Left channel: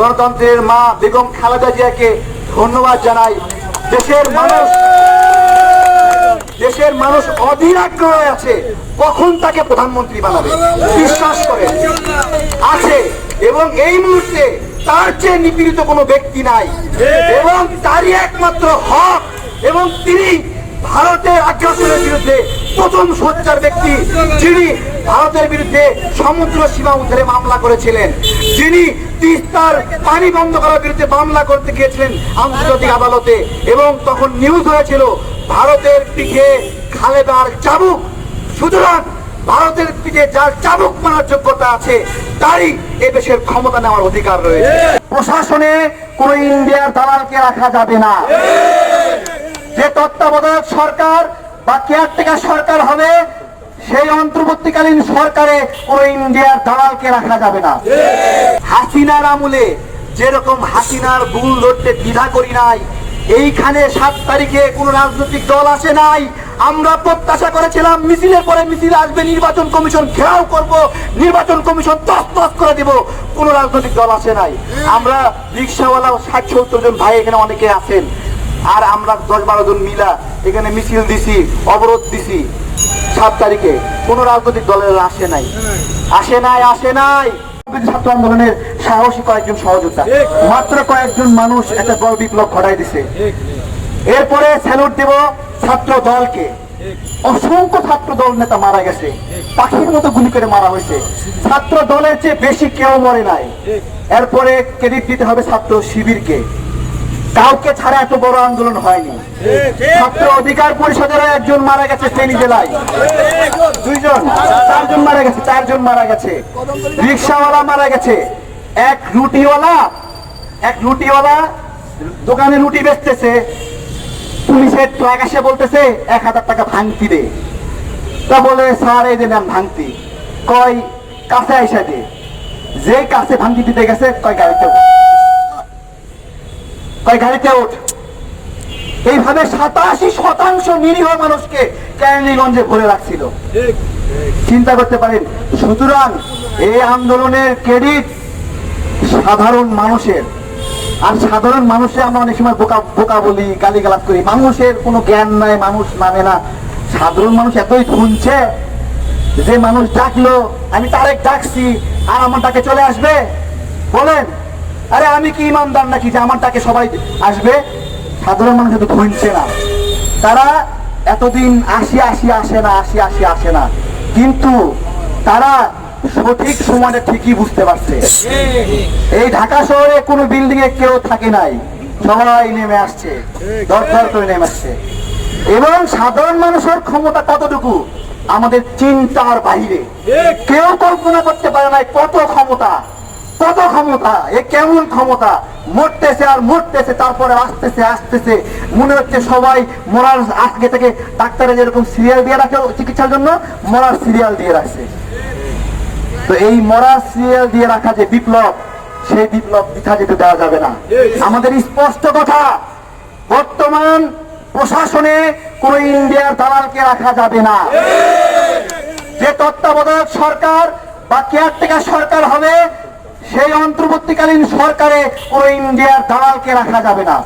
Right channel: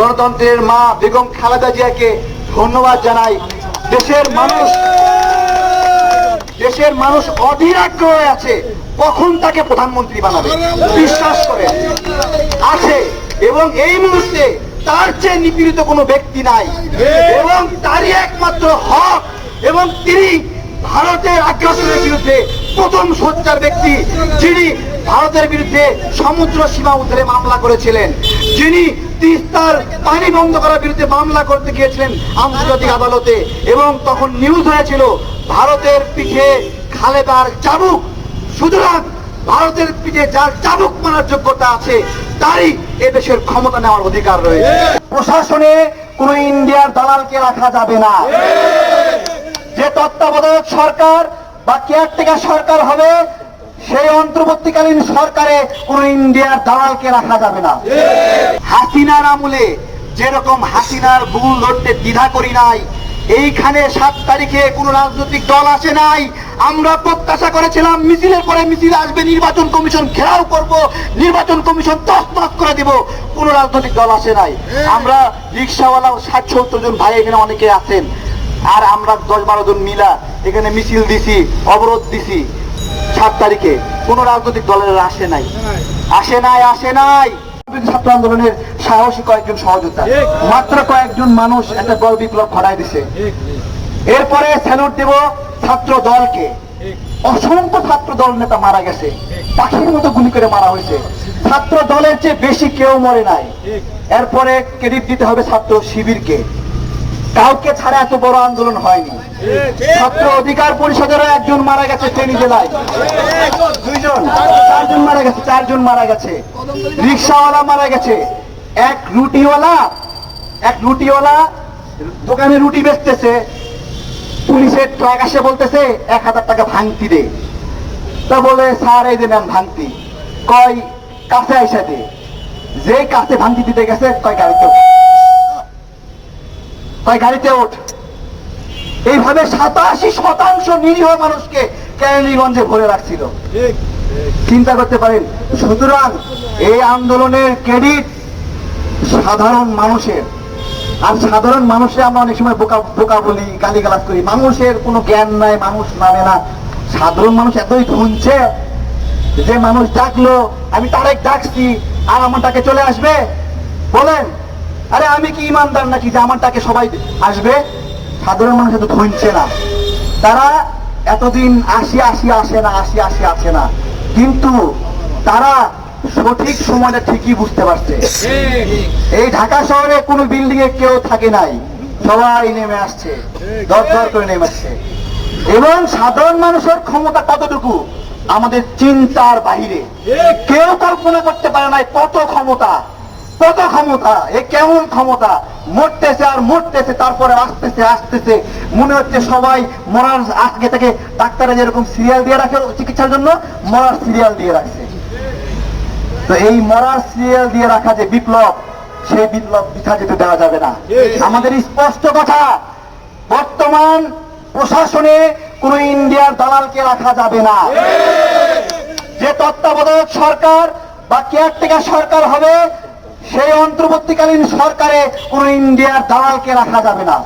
গণতন্ত্রের মা বেগম খালেদা জিয়াকে ধন্যবাদ জানাই। দেশের মানুষ দেশের মানুষ অধীর আগ্রহে আছে। কখন তাকে প্রধানমন্ত্রী বানাবে? বিশ্বাস করে। আছে। এবং এই মুহূর্তে তার চেয়ে নিপীড়িত কোনো ব্যক্তি নাই। এবং তারই একমাত্র হক এবং তিনি ভারতের আগ্রাসনের বিরুদ্ধে প্রথম সোচ্চার ব্যক্তি যিনি ভারতের বিরুদ্ধে সমুদ্র সীমা উদ্ধারে মামলা করেছিলেন। যিনি তিস্তার পানি বন্ধ করার বিরুদ্ধে মামলা করতে গিয়েছিলেন আন্তর্জাতিক আদালতে, এবং তখন নিউজ হয়েছিল, ভারতের পিঠে খালেদার চাবুক। সুতরাং ভারতের পিঠে যার চাবুক মারার যোগ্যতা আছে, তারই এ দেশের ক্ষমতা নেওয়ার অধিকার রয়েছে। প্রশাসনে কোন ইন্ডিয়ার দালালকে রাখা যাবে না। যে তত্ত্বাবধায়ক সরকার বা কেয়ারটেকার সরকার হবে সেই অন্তর্বর্তীকালীন সরকারে কোন ইন্ডিয়ার দালালকে রাখা যাবে না। হাসিনার আমলে যেরকম হাসিনার বুল ধরতে দ্বিধা করি নাই, এইখানে সাত তারিখে কোন রাজনৈতিক দল আসে নাই, আমরা প্রত্যাশা করেছিলাম মিছিলের পরে মিছিল আসবে, নির্বাচন কমিশন ঘেরাও করব, নির্বাচন কমিশন তস তস করে দিব, কোন রাজনৈতিক দল আসে নাই। আমরা রিক্সাওয়ালা ষাট সত্তর জন ভাই এখানে অনেকে আছেন, আর আমরা দশ বারো জন মিলা এখানে মিছিল দিছি, অবরোধ দিছি। সাত তারিখে কোন রাজনৈতিক দলের আসে নাই। আসে নাই আসে নাই। ছাত্র আন্দোলনের সাহসী কয়েকজন মাত্র কয়েকজন মানুষ একটা বড় বিপ্লব ঘটাই দিছে। এরপরে স্যালুট দেব ছাত্র দলকে। অসংখ্য ছাত্র দল নেতা মারা গেছে। পাখির মতো গুলি করে মারা হয়েছে। ছাত্র দলের চেয়ে বেশি কেউ মরে নাই। এরপরে ক্রেডিট দিতে হবে ছাত্র শিবিরকে। কাউকে ছাড়া এত বড় আন্দোলন হয়নি। ছাত্র অধিকার পরিষদেরও একজন মারা গেছে ফেনী জেলায়। দুইজন, চারজন মারা গেছে, চারজন মারা গেছে। রিক্সাওয়ালা মারা গেছে। এক রুটিওয়ালা এক রুটিওয়ালা দোকানে রুটি বেচতেছে। পুলিশের ট্রাক এসে বলতেছে, এক হাজার টাকা ভাঙতি দে। তা বলে, স্যার, এই যে নেন ভাঙতি। কয়, কাছে আইসা দে। যে কাছে ভাঙতি দিতে গেছে কয় গাড়িতে উঠ। গাড়িতে ওঠ। এইভাবে সাতাশি শতাংশ নিরীহ মানুষকে ক্যানিগঞ্জে ভরে রাখছিল। চিন্তা করতে পারেন সুতরাং এই আন্দোলনের ক্রেডিট সাধারণ মানুষের। আর সাধারণ মানুষে আমরা অনেক সময় বোকা বোকা বলি গালিগালাজ করি। মানুষের কোনো জ্ঞান নাই মানুষ মানে না। সাধারণ মানুষ এতই ধুনছে যে মানুষ ডাকলো আমি তারেক ডাকছি আর আমার ডাকে চলে আসবে? বলেন। আরে আমি কি ইমানদার নাকি যে আমার ডাকে সবাই আসবে? সাধারণ মানুষ এত ধুনছে না। তারা এতদিন আসি আসি, আসে না, আসি আসি, আসে না। কিন্তু তারা সঠিক সময়টা ঠিকই বুঝতে পারছে। এই ঢাকা শহরে কোনো বিল্ডিং এ কেউ থাকে নাই। সবাই নেমে আসছে। দর দর করে নেমে আসছে। এবং সাধারণ মানুষের ক্ষমতা কতটুকু? আমাদের চিন্তার বাহিরে। কেউ কল্পনা করতে পারে নাই কত ক্ষমতা। কত ক্ষমতা? এ কেমন ক্ষমতা? মরতেছে আর মরতেছে তারপরে আসতেছে আসতেছে। মনে হচ্ছে সবাই মরার আজকে থেকে ডাক্তারে যেরকম সিরিয়াল দিয়ে রাখে চিকিৎসার জন্য মরার সিরিয়াল দিয়ে রাখছে। তো এই মরা সিরিয়াল দিয়ে রাখা যে বিপ্লব সেই বিপ্লব পিঠা যেতে দেওয়া যাবে না। আমাদের স্পষ্ট কথা বর্তমান প্রশাসনে কোন ইন্ডিয়ার দালালকে রাখা যাবে না। যে তত্ত্বাবধায়ক সরকার বা কেয়ারটেকার সরকার হবে সেই অন্তর্বর্তীকালীন সরকারে কোন ইন্ডিয়ার দালালকে রাখা যাবে না।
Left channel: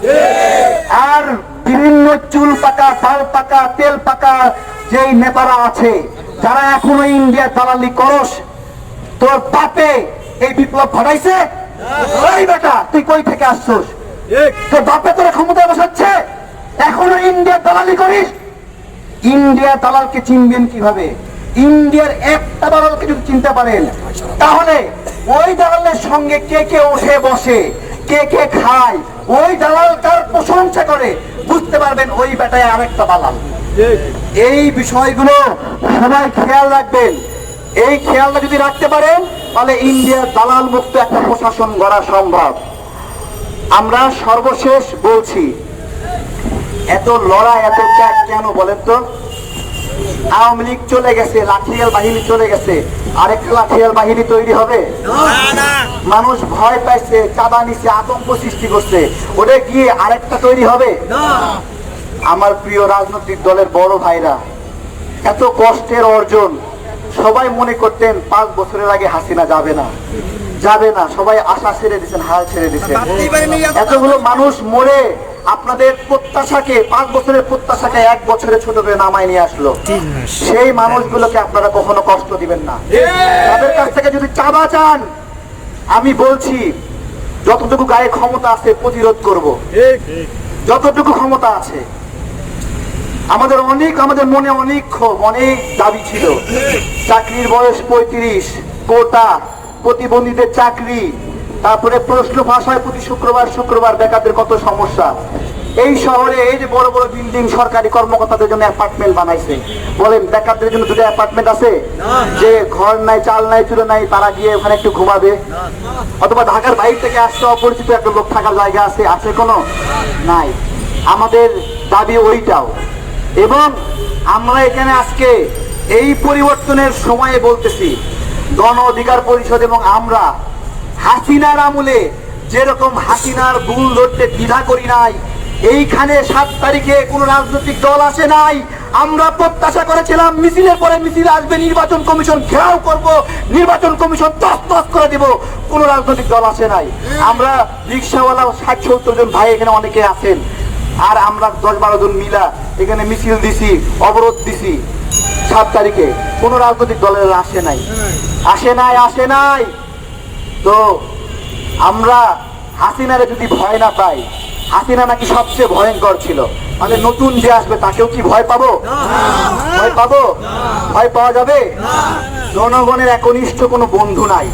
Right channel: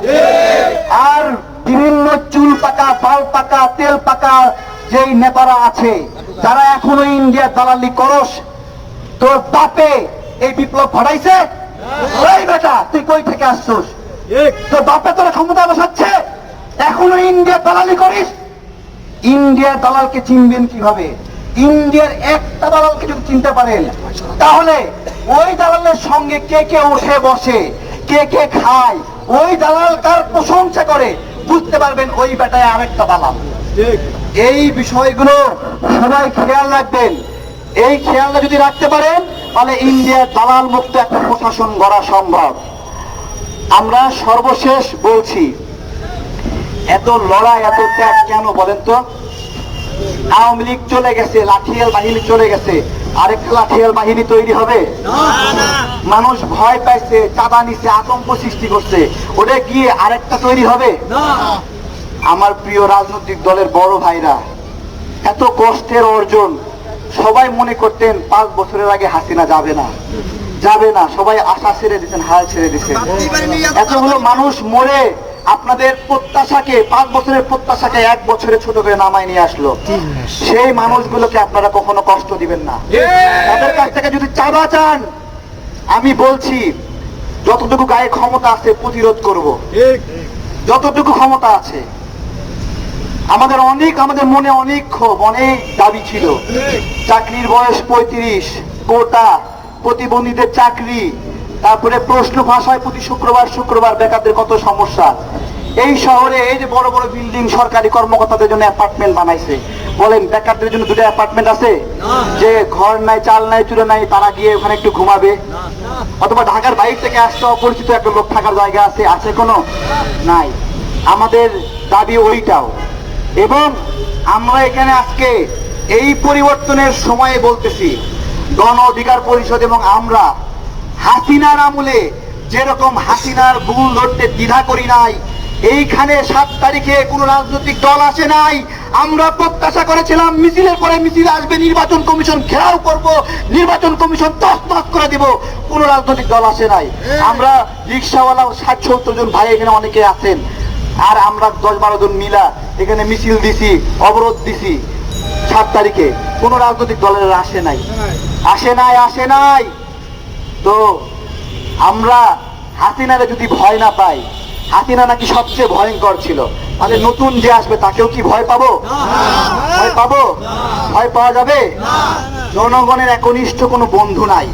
আর বিভিন্ন চুল পাকা বাল পাকা, তেল পাকা যেই নেতারা আছে, যারা এখনও ইন্ডিয়ার দালালি করস, তোর বাপে এই বিপ্লব ঘটাইছে? তুই কই থেকে তোর বাপে তোরা ক্ষমতা বসাচ্ছে? এখনও ইন্ডিয়ার দালালি করিস? ইন্ডিয়ার দালালকে চিনবেন কীভাবে? ইন্ডিয়ার একটা দালালকে যদি চিনতে পারেন, তাহলে ওই দালালের সঙ্গে কে কে উঠে বসে, কে কে খায়, ওই দালাল কার প্রশংসা করে, বুঝতে পারবেন ওই বেটায় আরেকটা দালাল। এই বিষয়গুলো সবাই খেয়াল রাখবেন। এই খেয়ালটা যদি রাখতে পারেন, তাহলে ইন্ডিয়ার দালাল মুক্ত একটা প্রশাসন গড়া সম্ভব। আমরা সর্বশেষ বলছি, এত লড়াই, এত ত্যাগ কেন বলেন তো? আওয়ামী লীগ চলে গেছে, লাঠিয়াল বাহিনী চলে গেছে। আরেকটা লাঠিয়াল বাহিনী তৈরি হবে। মানুষ ভয় পাইছে, চাঁদা নিছে, আতঙ্ক সৃষ্টি করছে। ওটা গিয়ে আরেকটা তৈরি হবে? আমার প্রিয় রাজনৈতিক দলের বড় ভাইরা, এত কষ্টের অর্জন সবাই মনে করতেন পাঁচ বছরের আগে হাসিনা যাবে না। যাবে না, সবাই আশা ছেড়ে দিচ্ছেন হাল ছেড়ে দিচ্ছেন এতগুলো মানুষ মরে আপনাদের প্রত্যাশাকে পাঁচ বছরের প্রত্যাশাকে এক বছরে ছোট করে নামায় নিয়ে আসলো। সেই মানুষগুলোকে আপনারা কখনো কষ্ট দিবেন না। তাদের কাছ থেকে যদি চাঁদা চান আমি বলছি যতটুকু গায়ে ক্ষমতা আছে প্রতিরোধ করব। যতটুকু ক্ষমতা আছে। আমাদের অনেক আমাদের মনে অনেক ক্ষোভ অনেক দাবি ছিল। চাকরির বয়স পঁয়ত্রিশ কোটা প্রতিবন্ধীদের চাকরি তারপরে প্রশ্ন ভাষায় প্রতি শুক্রবার শুক্রবার বেকারদের কত সমস্যা? এই শহরে এই যে বড় বড় বিল্ডিং সরকারি কর্মকর্তাদের জন্য অ্যাপার্টমেন্ট বানাইছে, বলেন বেকারদের জন্য দুটো অ্যাপার্টমেন্ট আছে? যে ঘর নাই, চাল নাই চুলে নাই, তারা গিয়ে ওখানে একটু ঘুমাবে। অথবা ঢাকার বাইরে থেকে আসতে অপরিচিত একটা লোক থাকার জায়গা আছে আছে কোনো? নাই। আমাদের দাবি ওইটাও। এবং আমরা এখানে আজকে এই পরিবর্তনের সময়ে বলতেছি, গণ অধিকার পরিষদ এবং আমরা হাসিনার আমলে যেরকম হাসিনার ভুল ধরতে দ্বিধা করি নাই, এইখানে সাত তারিখে কোন রাজনৈতিক দল আসে নাই, আমরা প্রত্যাশা করেছিলাম মিছিলের পরে মিছিল আসবে, নির্বাচন কমিশন ঘেরাও করব, নির্বাচন কমিশন তস তস করে দিব, কোন রাজনৈতিক দল আসে নাই। আমরা রিক্সাওয়ালা ষাট সত্তর জন ভাই এখানে অনেকে আছেন, আর আমরা দশ বারো জন মিলা এখানে মিছিল দিছি, অবরোধ দিছি, সাত তারিখে কোন রাজনৈতিক দলের আসে নাই। আসে নাই আসে নাই। তো আমরা হাসিনারে যদি ভয় না পাই হাসিনা নাকি সবচেয়ে ভয়ঙ্কর ছিল। তাহলে নতুন যে আসবে তাকেও কি ভয় পাবো? ভয় পাবো? ভয় পাওয়া যাবে? জনগণের একনিষ্ঠ কোনো বন্ধু নাই।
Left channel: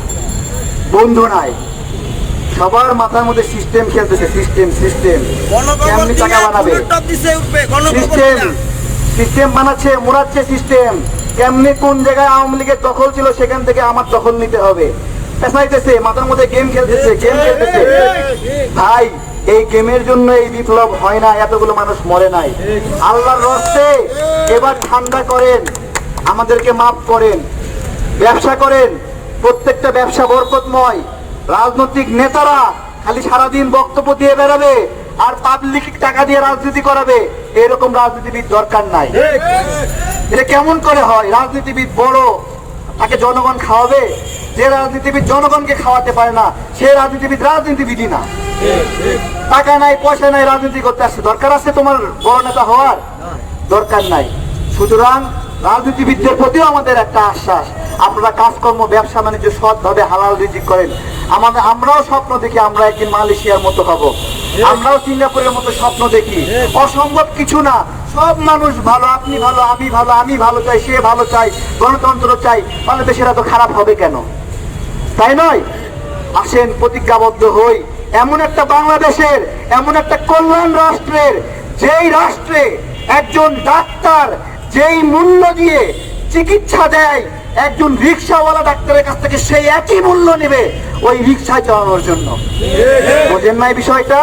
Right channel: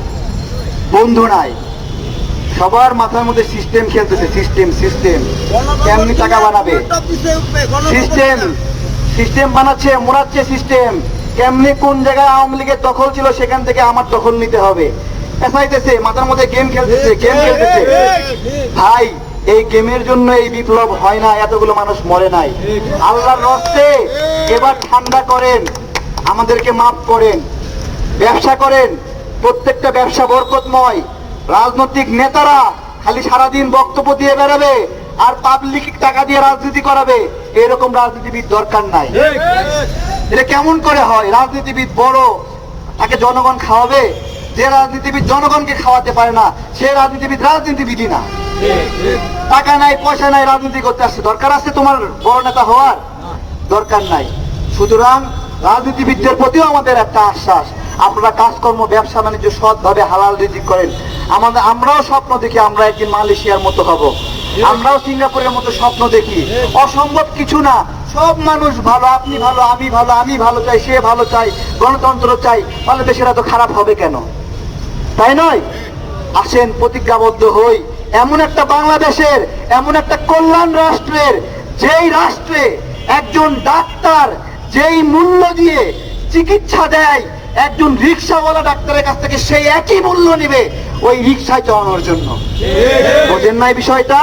বন্ধু নাই। সবার মাথার মধ্যে সিস্টেম খেলতেছে সিস্টেম সিস্টেম কেমনি টাকা বানাবে? সিস্টেম সিস্টেম বানাচ্ছে মোড়াচ্ছে সিস্টেম কেমনি কোন জায়গায় আওয়ামী লীগের দখল ছিল সেখান থেকে আমার দখল নিতে হবে। মাথার মধ্যে গেম খেলতেছে গেম খেলতেছে। ভাই এই গেমের জন্য এই বিপ্লব হয় না এতগুলো মানুষ মরে নাই। আল্লাহর রস্তে এবার ঠান্ডা করেন আমাদেরকে মাফ করেন ব্যবসা করেন প্রত্যেকটা ব্যবসা বরকতময়। রাজনৈতিক নেতারা খালি সারাদিন বক্তব্য দিয়ে বেড়াবে আর পাবলিক টাকা দিয়ে রাজনীতি করাবে এরকম রাজনীতিবিদ দরকার নাই। এটা কেমন করে হয়? রাজনীতিবিদ বড় তাকে জনগণ খাওয়াবে? যে রাজনীতিবিদ জনগণকে খাওয়াতে পারে না, সে রাজনীতিবিদ রাজনীতিবিদই না টাকা নাই, পয়সা নাই, রাজনীতি করতে আসছে। দরকার আছে তোমার বড় নেতা হওয়ার? দরকার নাই। সুতরাং রাজনীতিবিদদের প্রতিও আমাদের একটা আশ্বাস। আপনারা কাজকর্ম, ব্যবসা, বাণিজ্য সৎভাবে, হালাল রিজিক করেন। আমাদের আমরাও স্বপ্ন দেখি আমরা একদিন মালয়েশিয়ার মতো হব। আমরাও সিঙ্গাপুরের মতো স্বপ্ন দেখি। অসম্ভব কিছু না। সব মানুষ ভালো আপনি ভালো আমি ভালো আমি ভালো চাই সে ভালো চাই গণতন্ত্র চাই তাহলে দেশের এত খারাপ হবে কেন? তাই নয়? আসেন প্রতিজ্ঞাবদ্ধ হই। এমন একটা বাংলাদেশের এমন একটা কল্যাণ রাষ্ট্রের যেই রাষ্ট্রে একজন ডাক্তার যেই মূল্য দিয়ে চিকিৎসা দেয় একজন রিক্সাওয়ালা ডাক্তারের কাছ থেকে সেই একই মূল্য নেবে ওই রিক্সায় চালানোর জন্য। বোঝেন নাই বিষয়টা?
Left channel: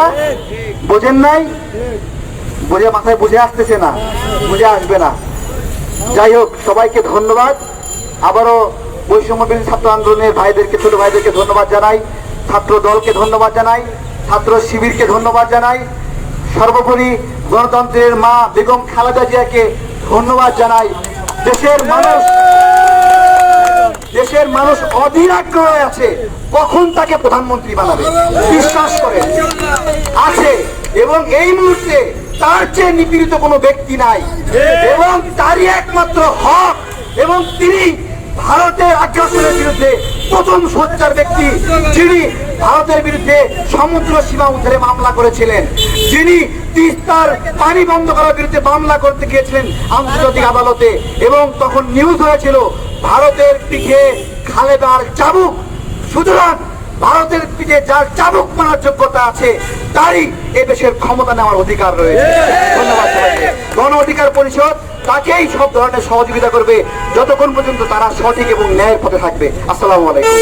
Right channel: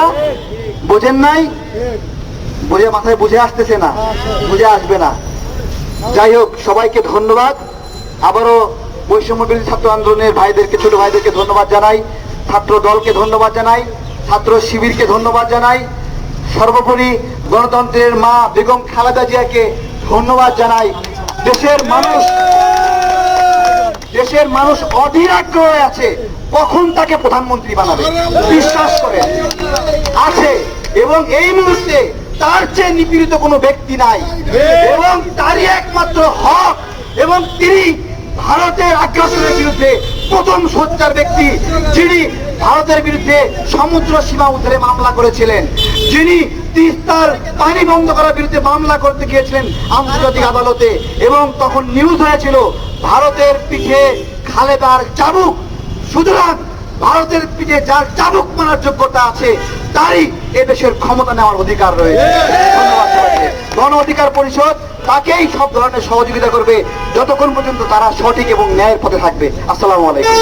বোঝেন নাই? বুঝে মাথায় বুঝে আসতেছে না, বুঝে আসবে না। যাই হোক, সবাইকে ধন্যবাদ। আবারও বৈষম্য বিরোধী ছাত্র আন্দোলনের ভাইদেরকে, ছোট ভাইদেরকে ধন্যবাদ জানাই। ছাত্র দলকে ধন্যবাদ জানাই। ছাত্র শিবিরকে ধন্যবাদ জানাই। সর্বোপরি গণতন্ত্রের মা বেগম খালেদা জিয়াকে ধন্যবাদ জানাই। দেশের মানুষ দেশের মানুষ অধীর আগ্রহে আছে। কখন তাকে প্রধানমন্ত্রী বানাবে? বিশ্বাস করে। আছে। এবং এই মুহূর্তে তার চেয়ে নিপীড়িত কোনো ব্যক্তি নাই। এবং তারই একমাত্র হক এবং তিনি ভারতের আগ্রাসনের বিরুদ্ধে প্রথম সোচ্চার ব্যক্তি যিনি ভারতের বিরুদ্ধে সমুদ্র সীমা উদ্ধারে মামলা করেছিলেন যিনি তিস্তার পানি বন্ধ করার বিরুদ্ধে মামলা করতে গিয়েছিলেন আন্তর্জাতিক আদালতে এবং তখন নিউজ হয়েছিল ভারতের পিঠে খালেদার চাবুক। সুতরাং ভারতের পিঠে যার চাবুক মানার যোগ্যতা আছে তারই এ দেশের ক্ষমতা নেওয়ার অধিকার রয়েছে। ধন্যবাদ সবাইকে। গণ অধিকার পরিষদ তাকেই সব ধরনের সহযোগিতা করবে যতক্ষণ পর্যন্ত তারা সঠিক এবং ন্যায়ের পথে থাকবে। আসসালামু আলাইকুম।